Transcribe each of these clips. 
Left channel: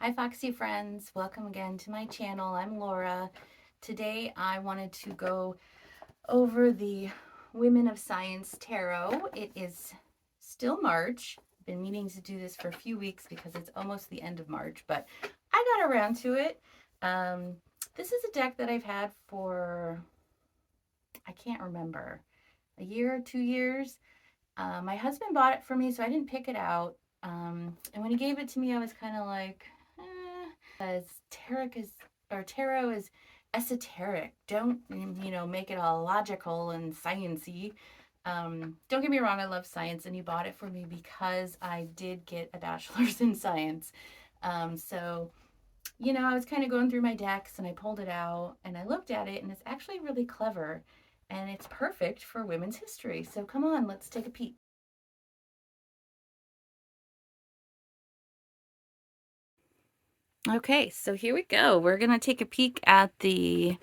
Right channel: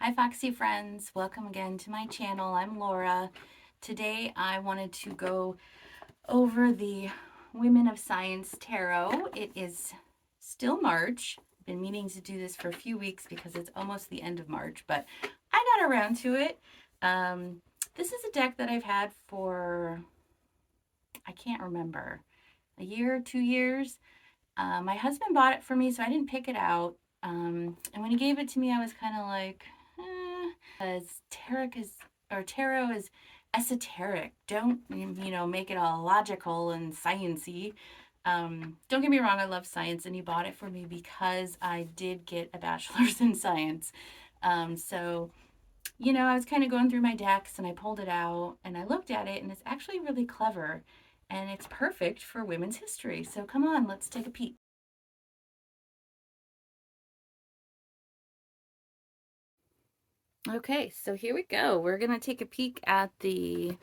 Hi Foxy friends, welcome again to my channel. I'm Laura. Today I wanted to go over the Women of Science Tarot. It is still March. I've been meaning to do this for a few weeks because it's almost the end of March, but I got around to it. This is a deck that I've had for, I can't remember, a year, 2 years. My husband bought it for me, so I didn't pick it out. And when he gave it to me, I was kind of like, as tarot is esoteric. Don't make it all logical and sciency. Don't get me wrong, I love science, and he bought it for me because I did get a bachelor's in science. So I was kind of going through my decks and I pulled it out and I looked at it, and it's actually really clever and it's perfect for women's history. So come on, let's take a peek. Okay, so here we go. We're going to take a peek at the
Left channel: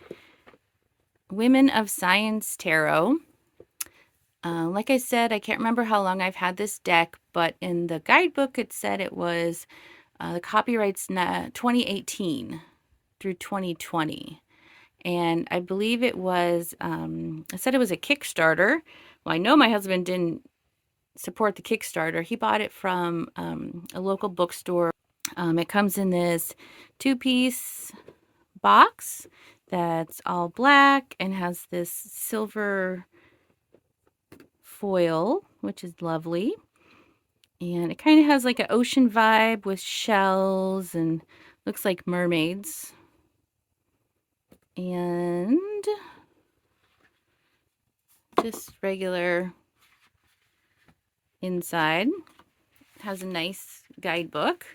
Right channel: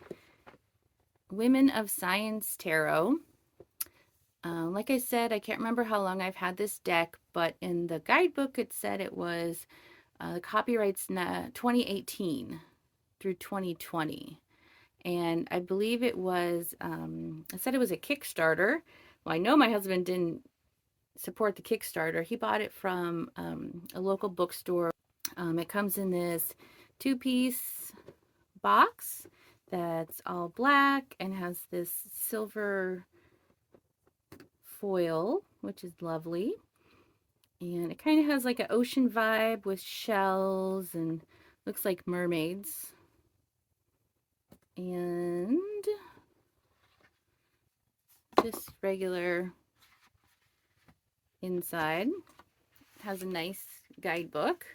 Women of Science Tarot. Like I said, I can't remember how long I've had this deck, but in the guidebook it said it was the copyright's 2018 through 2020. And I believe it was, I said it was a Kickstarter. Well, I know my husband didn't support the Kickstarter. He bought it from a local bookstore. It comes in this 2-piece box that's all black and has this silver foil, which is lovely. And it kind of has like an ocean vibe with shells and looks like mermaids. And just regular inside. It has a nice guidebook.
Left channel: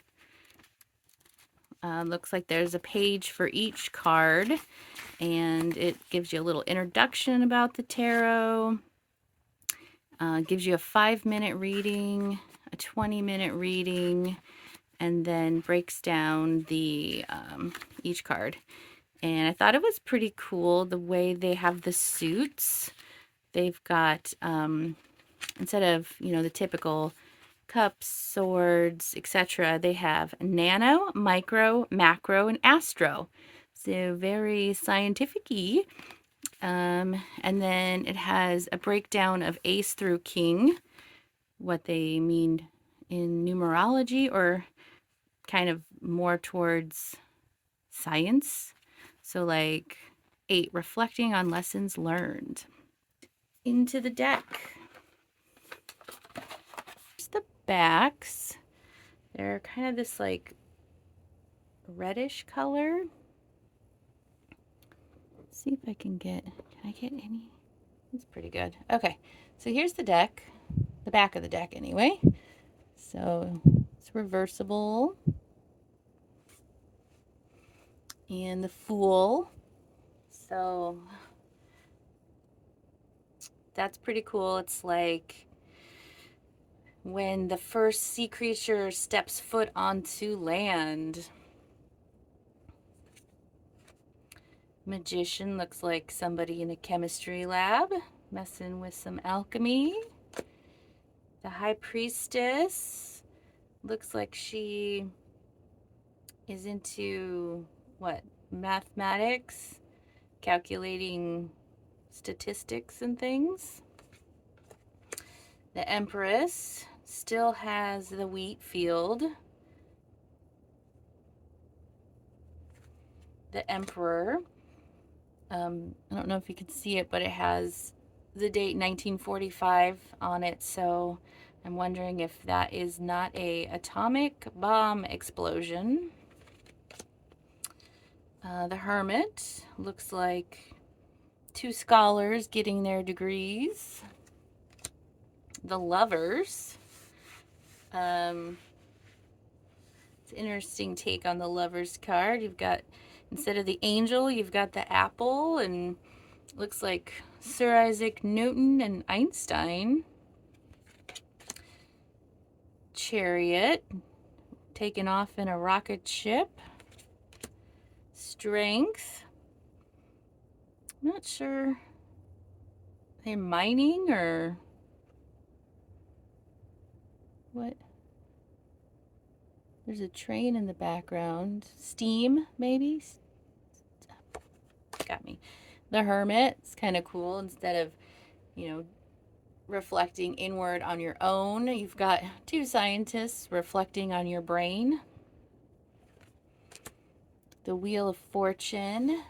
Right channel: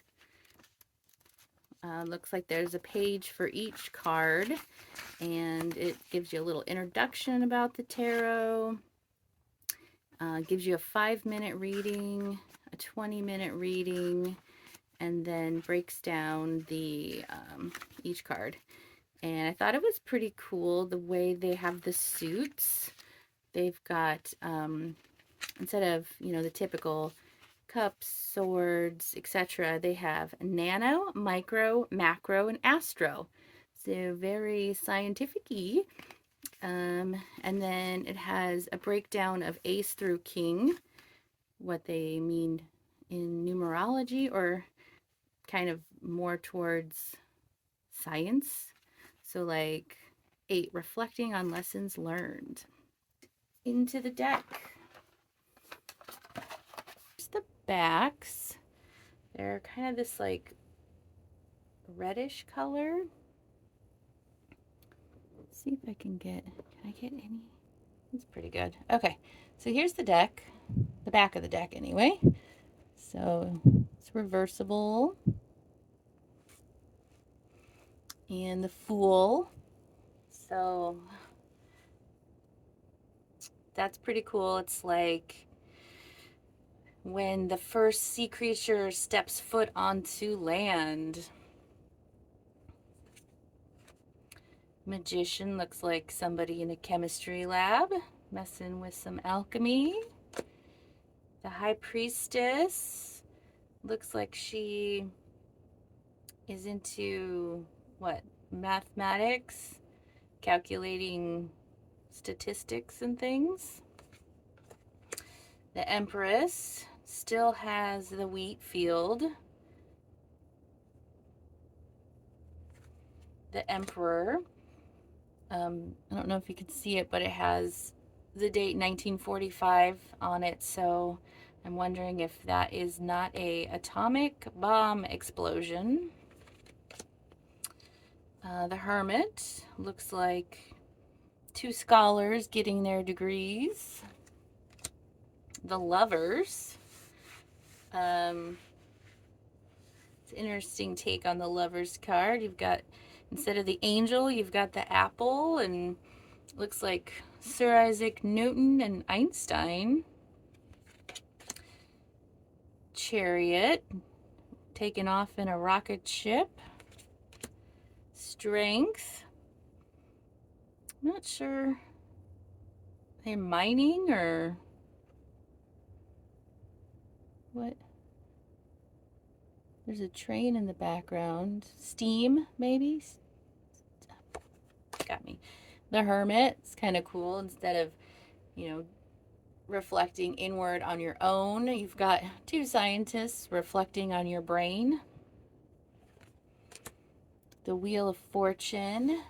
Looks like there's a page for each card, and it gives you a little introduction about the tarot. Gives you a 5-minute reading, a 20-minute reading, and then breaks down the each card. And I thought it was pretty cool the way they have the suits. They've got, instead of, the typical cups, swords, etc., they have nano, micro, macro, and astro. So very scientific-y. And then it has a breakdown of ace through king, what they mean in numerology, or kind of more towards science. So like 8, reflecting on lessons learned. Into the deck. Here's the backs. They're kind of this like reddish color. Let's see if I can I get any? It's pretty good. Okay, so here's the deck, the back of the deck anyway. So it's reversible. And the Fool. So that's pretty cool. It's like when the first sea creature steps foot onto land. Magician looks like somebody in a chemistry lab messing with some alchemy. The High Priestess looks like she is into what? Mathematics, calculating statistics and things. The Empress still has the wheat field. The Emperor, I don't know if you can see it, but it has the date 1945 on it, so I'm wondering if that is not a atomic bomb explosion. The Hermit looks like 2 scholars getting their degrees. The Lovers. It's an interesting take on the Lovers card. You've got, instead of the angel, you've got the apple, and looks like Sir Isaac Newton and Einstein. Chariot, taken off in a rocket ship. Strength. I'm not sure. Are they mining or what? There's a train in the background. Steam, maybe? Got me. The Hermit. It's kind of cool. Instead of, you know, reflecting inward on your own, you've got two scientists reflecting on your brain. The Wheel of Fortune.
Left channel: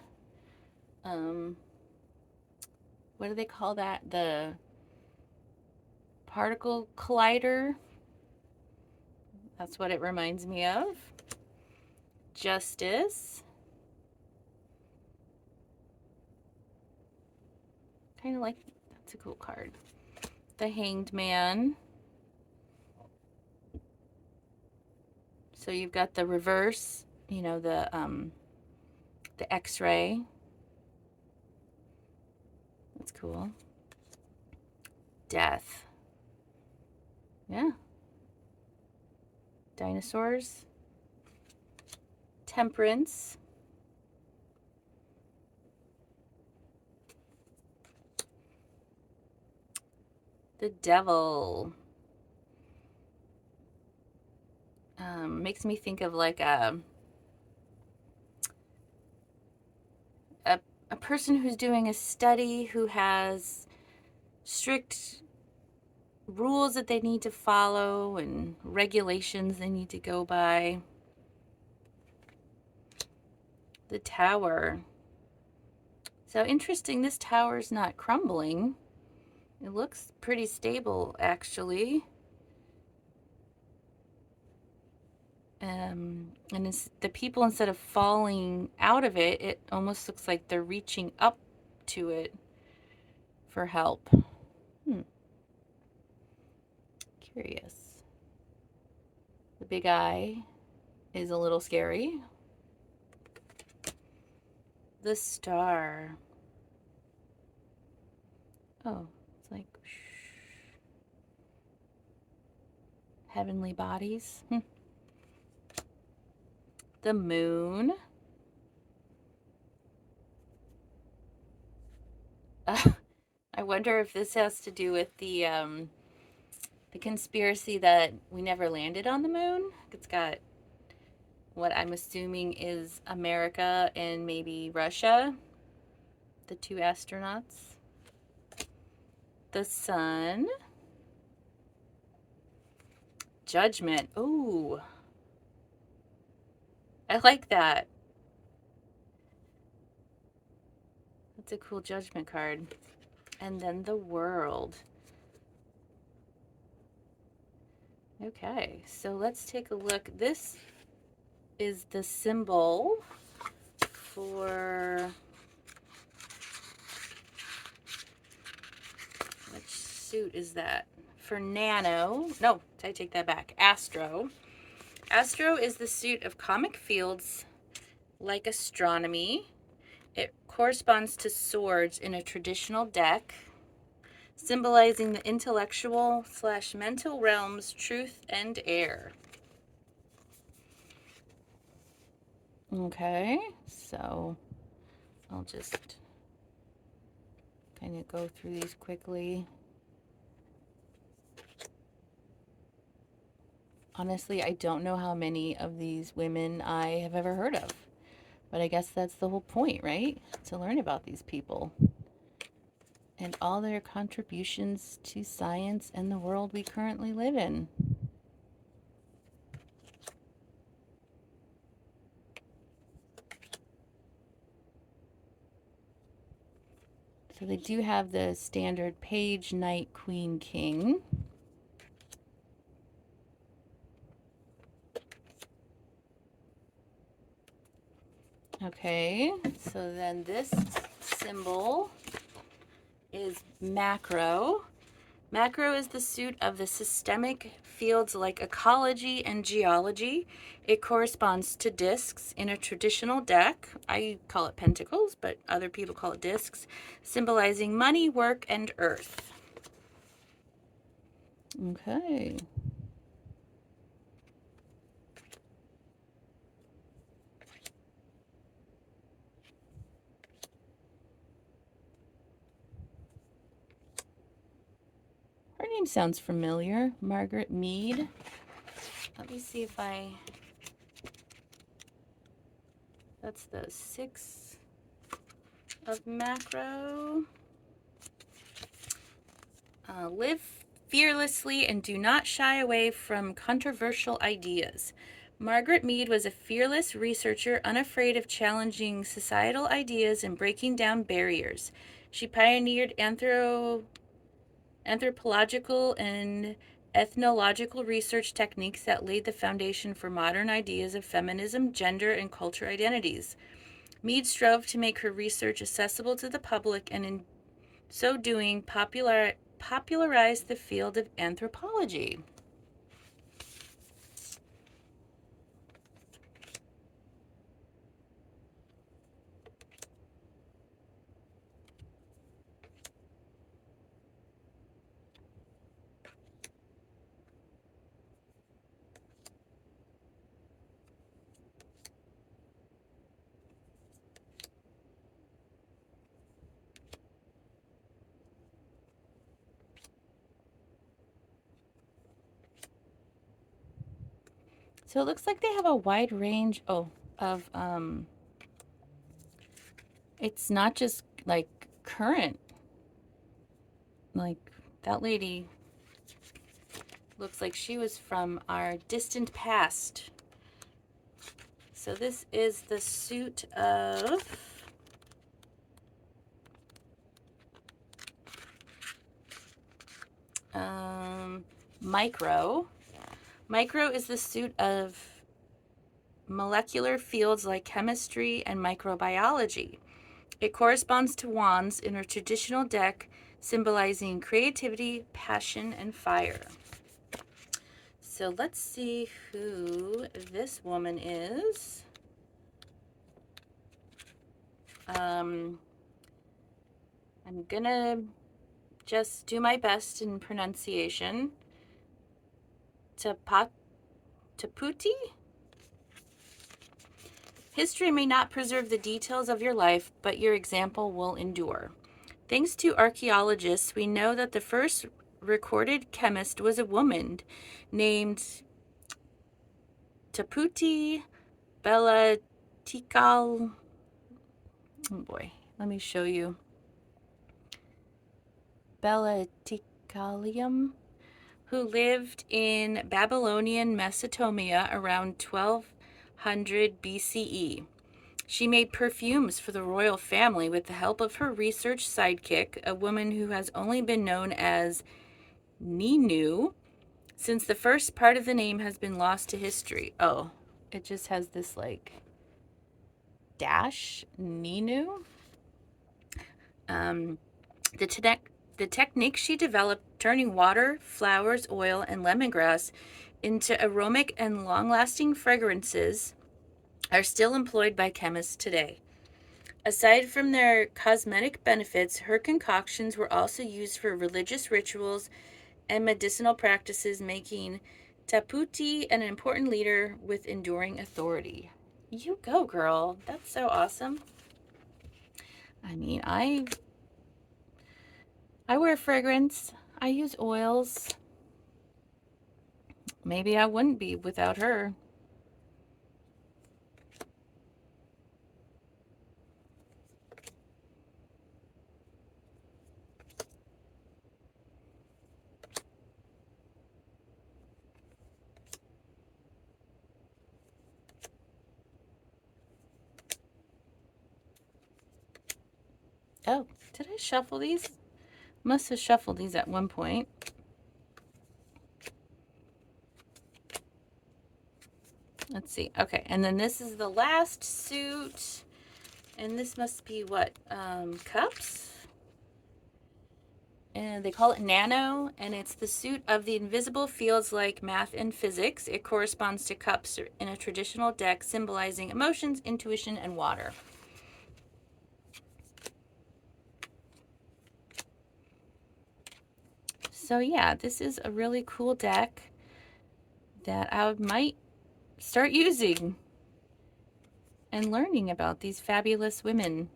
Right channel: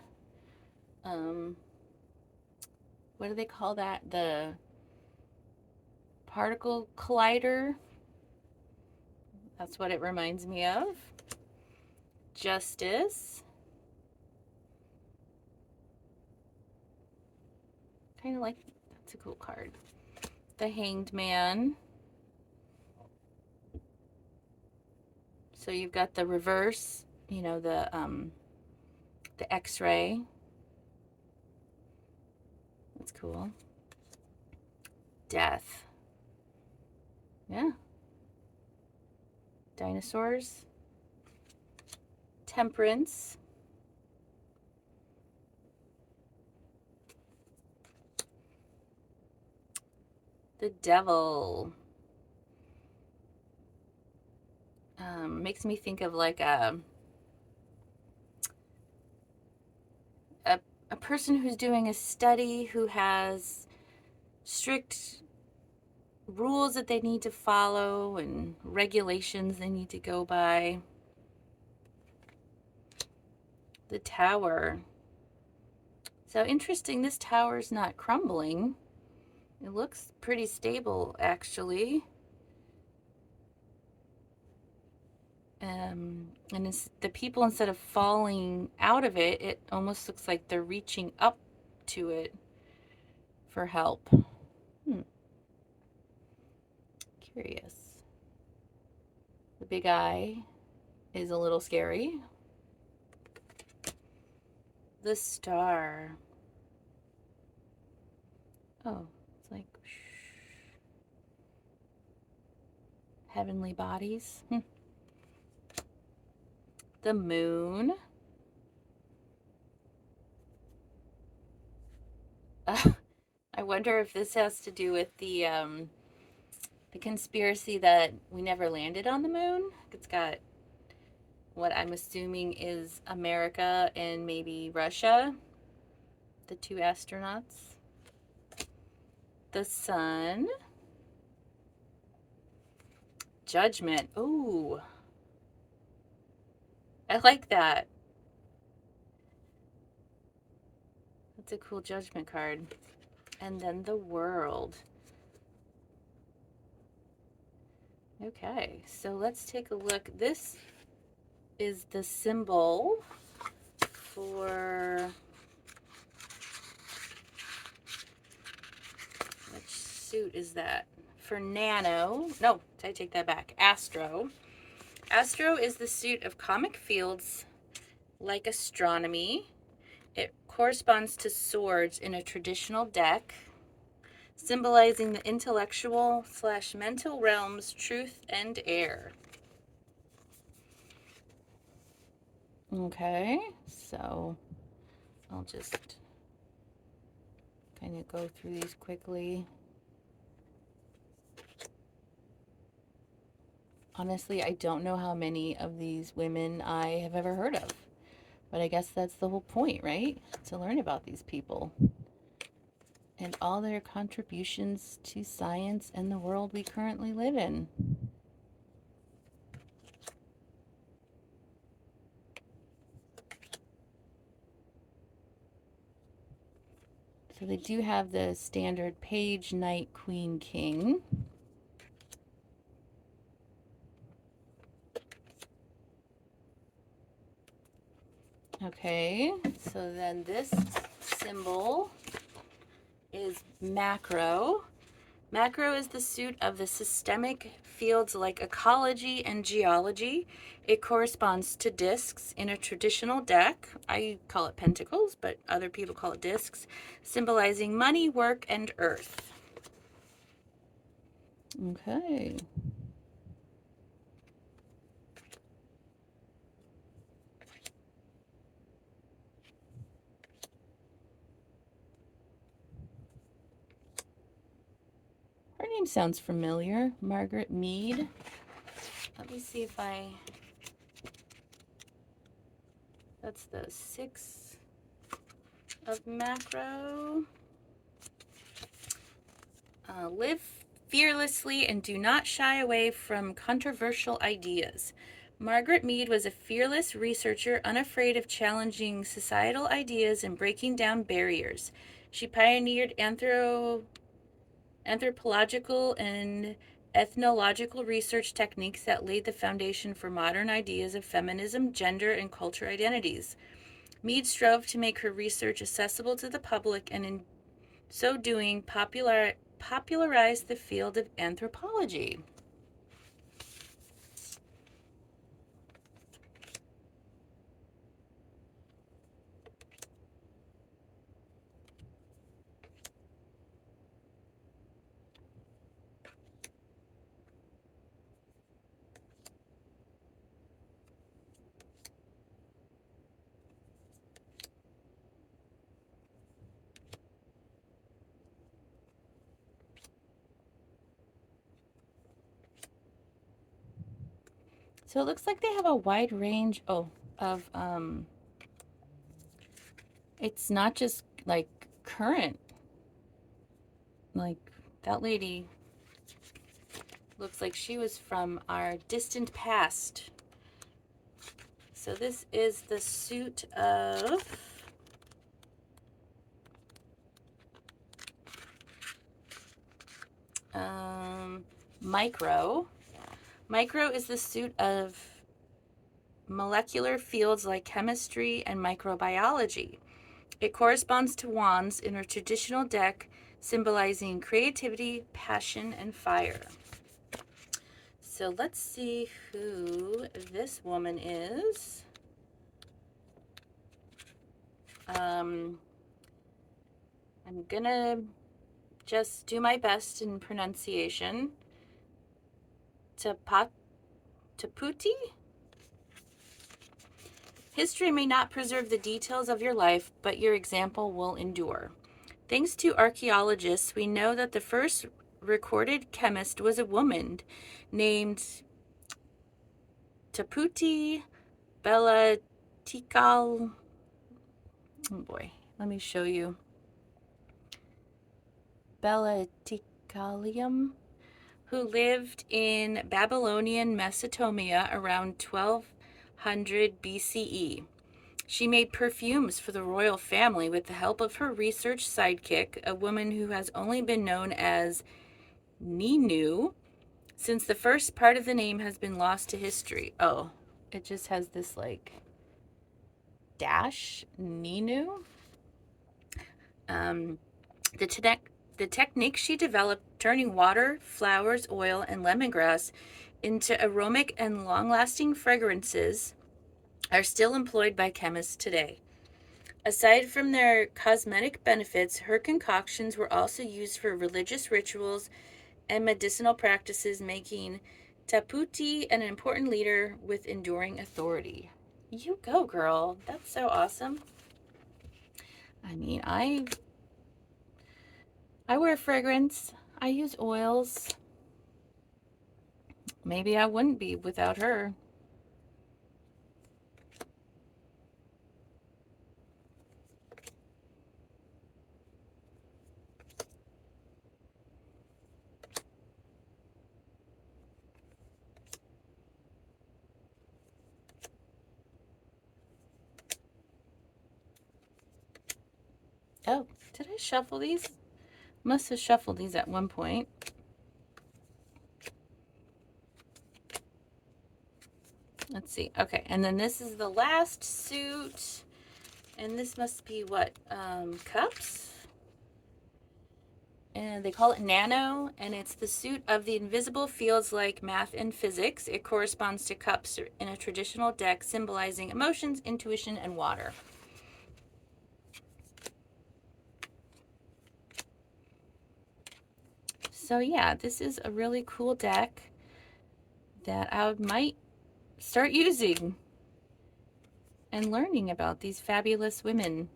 What do they call that? The particle collider. That's what it reminds me of. Justice. Kind of like, that's a cool card. The Hanged Man. So you've got the reverse, you know, the X-ray. That's cool. Death. Yeah. Dinosaurs. Temperance. The Devil. Makes me think of like a person who's doing a study who has strict rules that they need to follow and regulations they need to go by. The Tower. So interesting, this tower is not crumbling. It looks pretty stable, actually. And the people, instead of falling out of it, it almost looks like they're reaching up to it for help. Curious. The Big Eye is a little scary. The Star. Oh, it's like heavenly bodies. The Moon. I wonder if this has to do with the conspiracy that we never landed on the moon. It's got what I'm assuming is America and maybe Russia, the two astronauts. The Sun. Judgment. Ooh, I like that. That's a cool Judgment card. And then the World. Okay, so let's take a look. This is the symbol for, which suit is that? For Nano. No, I take that back. Astro. Astro is the suit of comic fields like astronomy. It corresponds to swords in a traditional deck, symbolizing the intellectual / mental realms, truth and air. Okay, so I'll just kind of go through these quickly. Honestly, I don't know how many of these women I have ever heard of, but I guess that's the whole point, right? To learn about these people and all their contributions to science and the world we currently live in. So they do have the standard page, knight, queen, king. Okay, so then this symbol is macro. Macro is the suit of the systemic fields like ecology and geology. It corresponds to discs in a traditional deck. I call it pentacles, but other people call it discs, symbolizing money, work, and earth. Okay. Her name sounds familiar. Margaret Mead. Let me see if I That's the 6 of macro. Live fearlessly and do not shy away from controversial ideas. Margaret Mead was a fearless researcher, unafraid of challenging societal ideas and breaking down barriers. She pioneered anthropological and ethnological research techniques that laid the foundation for modern ideas of feminism, gender, and culture identities. Mead strove to make her research accessible to the public and in so doing popularized the field of anthropology. So it looks like they have a wide range of it's not just like current, like that lady looks like she was from our distant past. So this is the suit of micro. Micro is the suit of molecular fields like chemistry and microbiology. It corresponds to wands in a traditional deck, symbolizing creativity, passion, and fire. So let's see who this woman is. I'm gonna just do my best in pronunciation. Taputi? History may not preserve the details of your life, but your example will endure. Thanks to archaeologists, we know that the first recorded chemist was a woman named Taputi Belatikal. Oh boy, let me show you. Belatikalium, who lived in Babylonian Mesopotamia around 1200 BCE. She made perfumes for the royal family with the help of her research sidekick, a woman who has only been known as Ninu, since the first part of the name has been lost to history. Oh, it just has this like dash, Ninu. The technique she developed, turning water, flowers, oil, and lemongrass into aromatic and long-lasting fragrances, are still employed by chemists today. Aside from their cosmetic benefits, her concoctions were also used for religious rituals and medicinal practices, making Taputi an important leader with enduring authority. You go, girl. That's so awesome. I mean, I wear fragrance. I use oils. Maybe I wouldn't be without her. Oh, did I shuffle these? Must have shuffled these at one point. Let's see. Okay, and then this is the last suit. And this must be what? Cups? And they call it nano, and it's the suit of the invisible fields like math and physics. It corresponds to cups in a traditional deck, symbolizing emotions, intuition, and water. So yeah, this is a really cool deck that I might start using and learning about these fabulous women.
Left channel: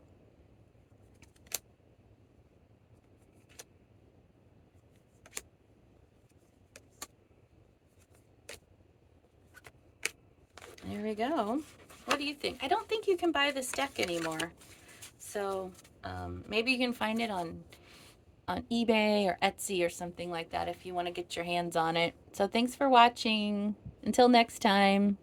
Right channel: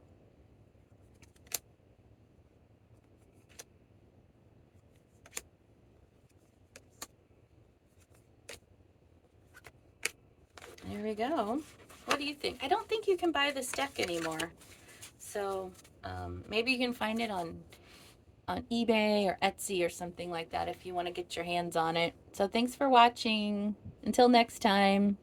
There we go. What do you think? I don't think you can buy this deck anymore. So maybe you can find it on eBay or Etsy or something like that if you want to get your hands on it. So thanks for watching. Until next time.